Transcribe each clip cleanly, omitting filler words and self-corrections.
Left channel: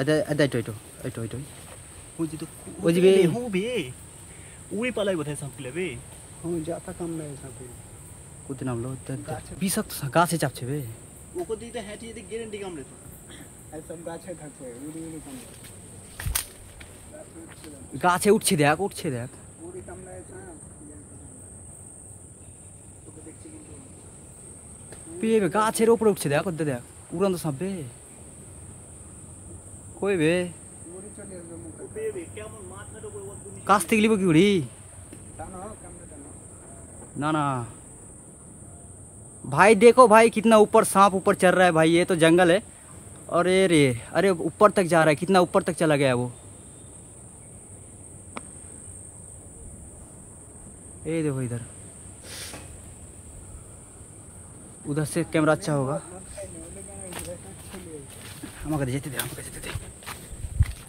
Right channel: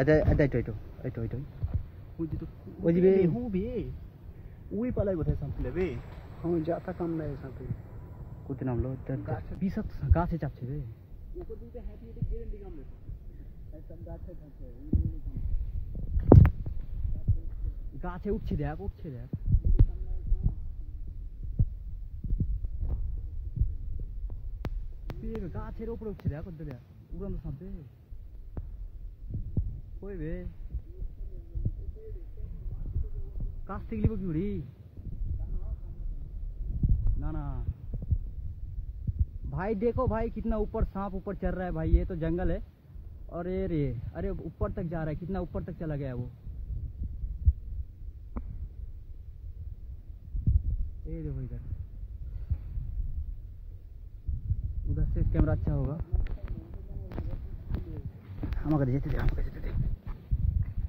আদা আদা এটো বুঝি তো ওজি বে হো বে উড়ি পালাই বোধহয় সাপলে বে हाँ जाता कम नहीं सब কোতে নামলো বিষাক্ত গাছে চাপছে বে ওকো দিতে হ্যাটি দিতে গ্যারান্টি কামড়ে তো ऐसा गाछे থাকছে উড়ি উড়ি কম গাছে উঠছে দেখ উড়ি কম নাই বে গাছের উপরে উঠছে দেখ ওদের দেখ উড়ন্ত সাপ বে কই বে উড়ি চলে আসবে বে বে কেমন মাথার উপর ওর দুনি কাছ থেকে লিব কি উড়ি টানো कमरे टानो ना ना भाई देखो भाई कितना ऊपर सांप ऊपर चल रहा है भाई ये तो जंगल है और ये रे अरे ऊपर तक जा रहा है कितना ऊपर तक चला गया है वो ये देखो इधर उधर से कैमरा अच्छा होगा আমাকে যেতে দে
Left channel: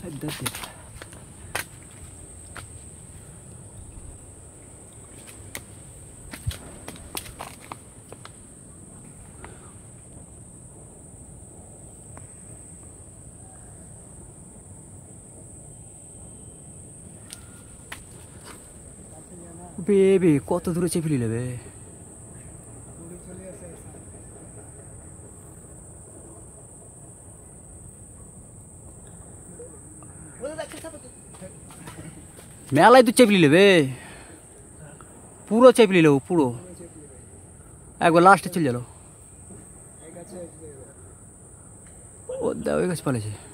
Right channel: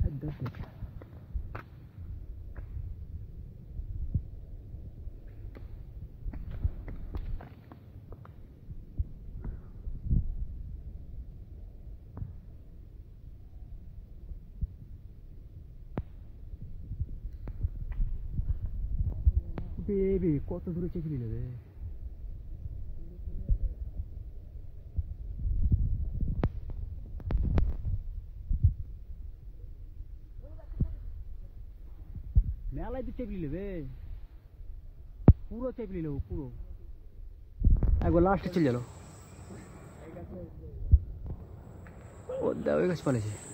इधर दे বেবি কত দূরে চেপে নিলে বে উড়ি চলে আসে মেলায় তো চেপে নিলে বে পুরো চেপে নিলে পুরো একবার লাস্টে চলে গেল এই গাছে ও দা ওই গাছ পালেছে